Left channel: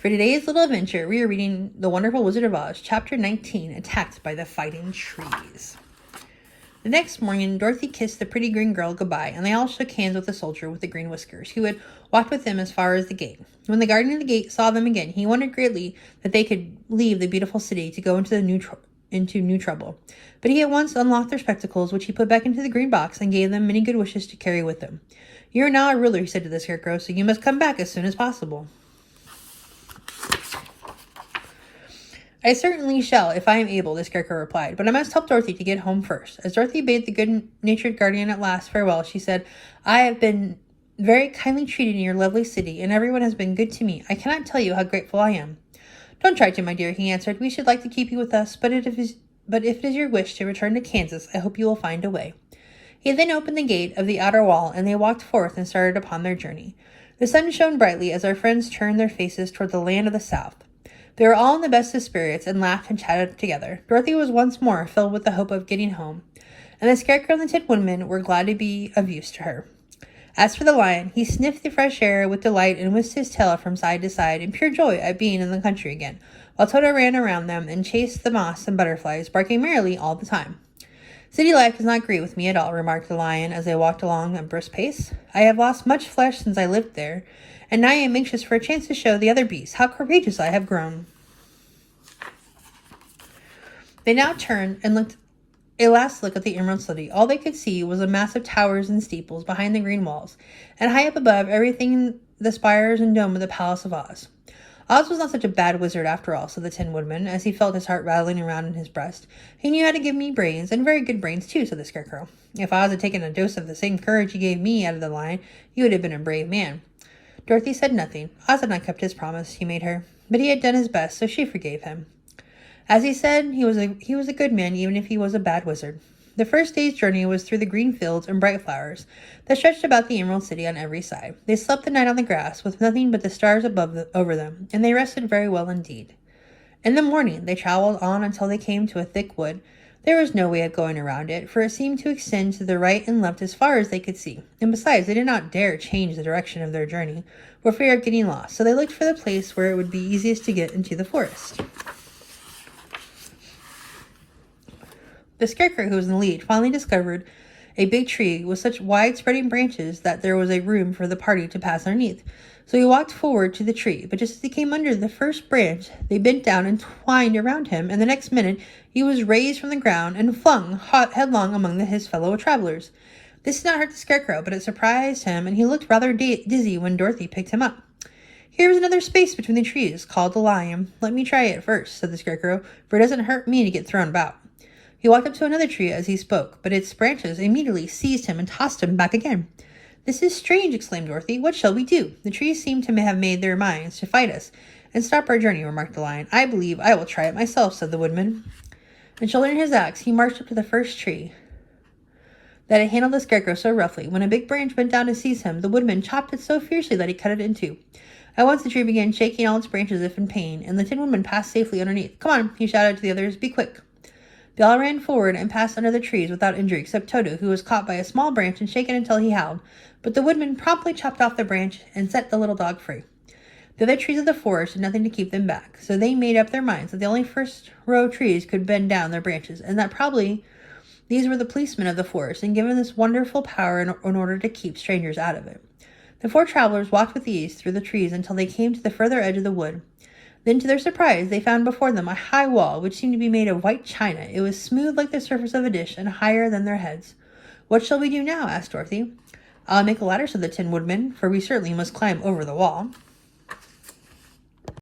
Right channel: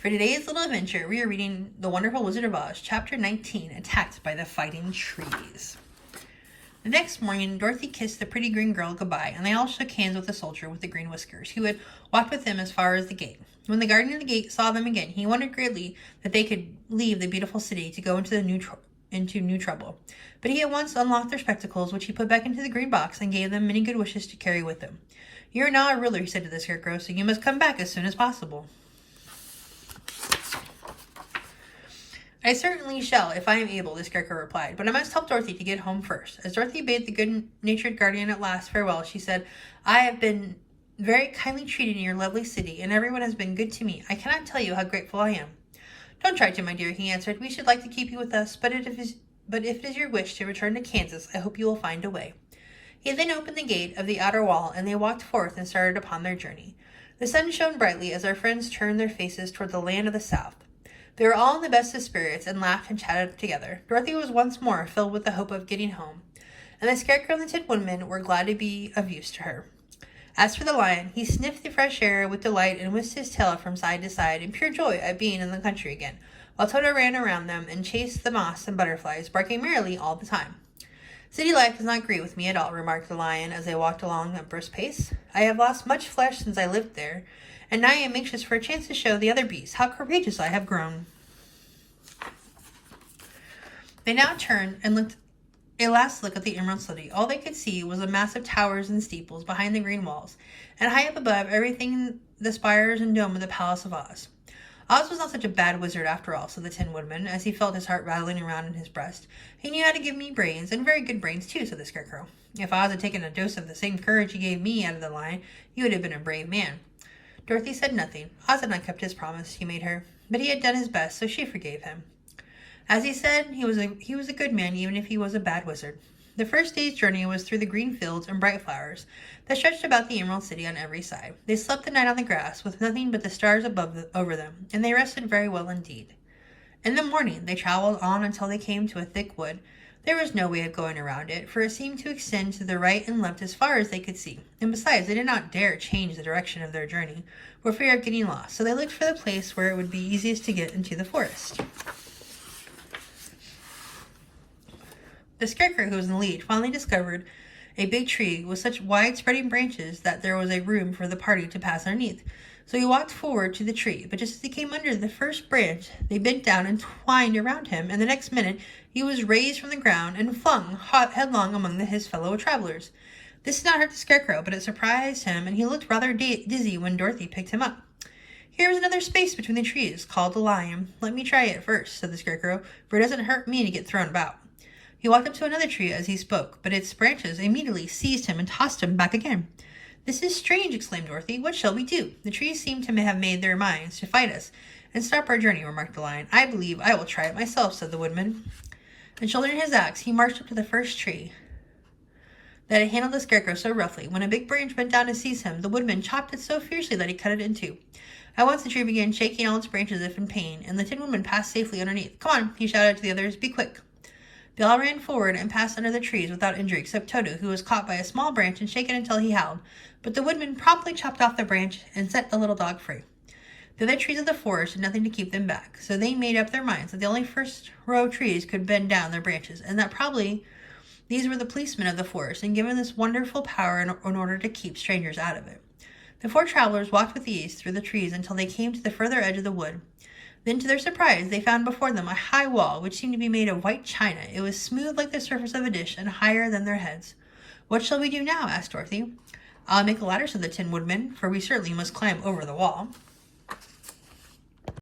For today's little adventure, we are reading The Wonderful Wizard of Oz, Chapter 19, Attacked by the Fighting Trees. The next morning, Dorothy kissed the pretty green girl goodbye, and they all shook hands with the soldier with the green whiskers, who had walked with them as far as the gate. When the guardian of the gate saw them again, he wondered greatly that they could leave the beautiful city to go into new trouble. But he at once unlocked their spectacles, which he put back into the green box, and gave them many good wishes to carry with them. "You are now a ruler," he said to the Scarecrow, "so you must come back as soon as possible." "I certainly shall, if I am able," the Scarecrow replied, "but I must help Dorothy to get home first." As Dorothy bade the good-natured guardian at last farewell, she said, "I have been very kindly treated in your lovely city, and everyone has been good to me. I cannot tell you how grateful I am." "Don't try to, my dear," he answered. "We should like to keep you with us, but if it is your wish to return to Kansas, I hope you will find a way." He then opened the gate of the outer wall, and they walked forth and started upon their journey. The sun shone brightly as our friends turned their faces toward the land of the South. They were all in the best of spirits and laughed and chatted together. Dorothy was once more filled with the hope of getting home, and the Scarecrow and the Tin Woodman were glad to be of use to her. As for the Lion, he sniffed the fresh air with delight and whisked his tail from side to side in pure joy at being in the country again, while Toto ran around them and chased the moths and butterflies, barking merrily all the time. "City life does not agree with me at all," remarked the Lion as they walked along at a brisk pace. "I have lost much flesh since I lived there, and now I am anxious for a chance to show the other beasts how courageous I have grown." They now turned and looked a last look at the Emerald City. All they could see was a mass of towers and steeples behind the green walls, and high up above everything the spires and dome of the Palace of Oz. "Oz was not such a bad wizard after all," said the Tin Woodman, as he felt his heart rattling around in his breast. "He knew how to give me brains, and very good brains too," said the Scarecrow. "If Oz had taken a dose of the same courage he gave me," added the Lion, "he would have been a brave man." Dorothy said nothing. Oz had not kept his promise he made her, but he had done his best, so she forgave him. As he said, he was a good man, even if he was a bad wizard. The first day's journey was through the green fields and bright flowers that stretched about the Emerald City on every side. They slept the night on the grass, with nothing but the stars over them, and they rested very well indeed. In the morning, they traveled on until they came to a thick wood. There was no way of going around it, for it seemed to extend to the right and left as far as they could see, and besides, they did not dare change the direction of their journey, for fear of getting lost, so they looked for the place where it would be easiest to get into the forest. The Scarecrow, who was in the lead, finally discovered a big tree with such wide-spreading branches that there was a room for the party to pass underneath. So he walked forward to the tree, but just as he came under the first branch, they bent down and twined around him, and the next minute he was raised from the ground and flung headlong among his fellow travelers. This did not hurt the Scarecrow, but it surprised him, and he looked rather dizzy when Dorothy picked him up. "Here is another space between the trees," called the Lion. "Let me try it first," said the Scarecrow, "for it doesn't hurt me to get thrown about." He walked up to another tree as he spoke, but its branches immediately seized him and tossed him back again. "This is strange," exclaimed Dorothy. "What shall we do? The trees seem to have made their minds to fight us and stop our journey," remarked the Lion. "I believe I will try it myself," said the Woodman. And shouldering his axe, he marched up to the first tree that had handled the Scarecrow so roughly. When a big branch bent down to seize him, the Woodman chopped it so fiercely that he cut it in two. At once the tree began shaking all its branches as if in pain, and the Tin Woodman passed safely underneath. "Come on," he shouted to the others. "Be quick." They all ran forward and passed under the trees without injury, except Toto, who was caught by a small branch and shaken until he howled. But the Woodman promptly chopped off the branch and set the little dog free. The other trees of the forest did nothing to keep them back, so they made up their minds that the only first row of trees could bend down their branches, and that probably these were the policemen of the forest, and given this wonderful power in order to keep strangers out of it. The four travelers walked with ease through the trees until they came to the further edge of the wood. Then, to their surprise, they found before them a high wall, which seemed to be made of white china. It was smooth like the surface of a dish and higher than their heads. "What shall we do now?" asked Dorothy. "I'll make a ladder," said the Tin Woodman, "for we certainly must climb over the wall."